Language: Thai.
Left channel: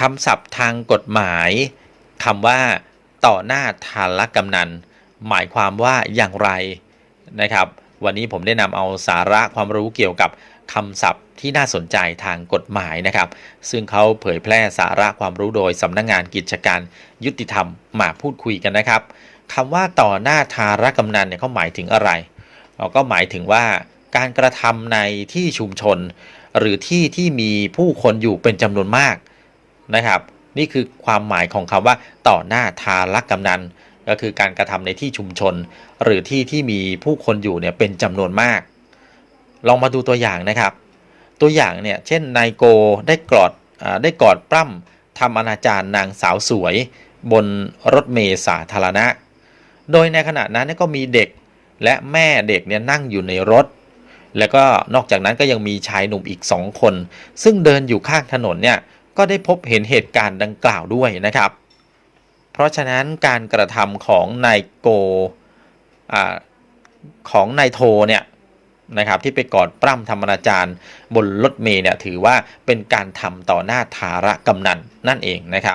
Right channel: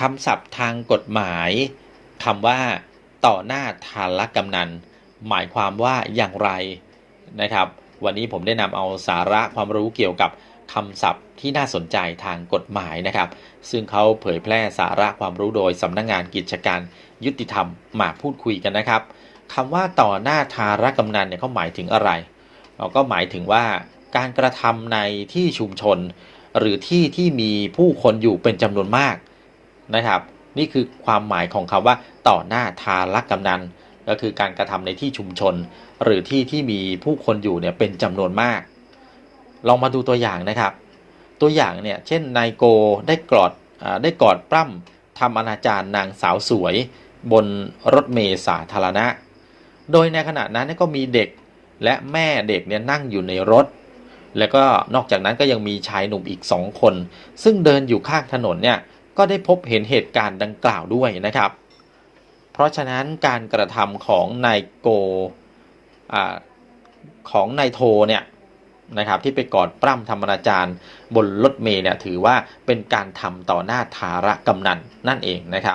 คำศัพท์ทางกฎหมายคำว่า ต่อหน้าทารกำนัน หมายความว่าอย่างไรนะครับ วันนี้ผมได้นำเอาสาระความรู้เกี่ยวกับคำศัพท์ที่น่าสนใจทางกฎหมายนะครับ ซึ่งเขาเผยแพร่สาระความรู้โดยสำนักงงานกิจการยุติธรรมมาพูดคุยกันนะครับคำว่าต่อหน้าทารกำนันเนี่ยเขาหมายถึงอะไรเราก็หมายถึงว่าการกระทำในที่ชุมชน หรือที่ที่มีผู้คนอยู่เป็นจำนวนมาก นะครับ นี่คือความหมายของคำว่าต่อหน้าทารักกำนัน ก็คือการกระทำในที่ชุมชน หรือที่ที่มีผู้คนอยู่เนี่ยเป็นจำนวนมาก ลองมาดูตัวอย่างนะครับ ตัวอย่างเนี่ยเช่นนายโกได้กอดได้กอดปล้ำทำอนาจารนางสาวสวย บนรถเมล์สาธารณะ โดยในขณะนั้นก็มีเด็กและแม่เด็กเนี่ยนั่งอยู่ในรถ แล้วก็นอกจากนั้นก็ยังมีชายหนุ่มอีกสองคน ซึ่งเดินอยู่ข้างถนนเนี่ย ก็ได้พบเห็นเหตุการณ์ดังกล่าวด้วยนะครับ เพราะฉะนั้นการกระทำของนายโกอของนายโทเนี่ยนะครับที่ไปกอดปล้ำทำอนาจารย์บนรถเมย์เนี่ยถือว่าเป็นการทำต่อหน้าทาระกำนันนั่นเองนะครับ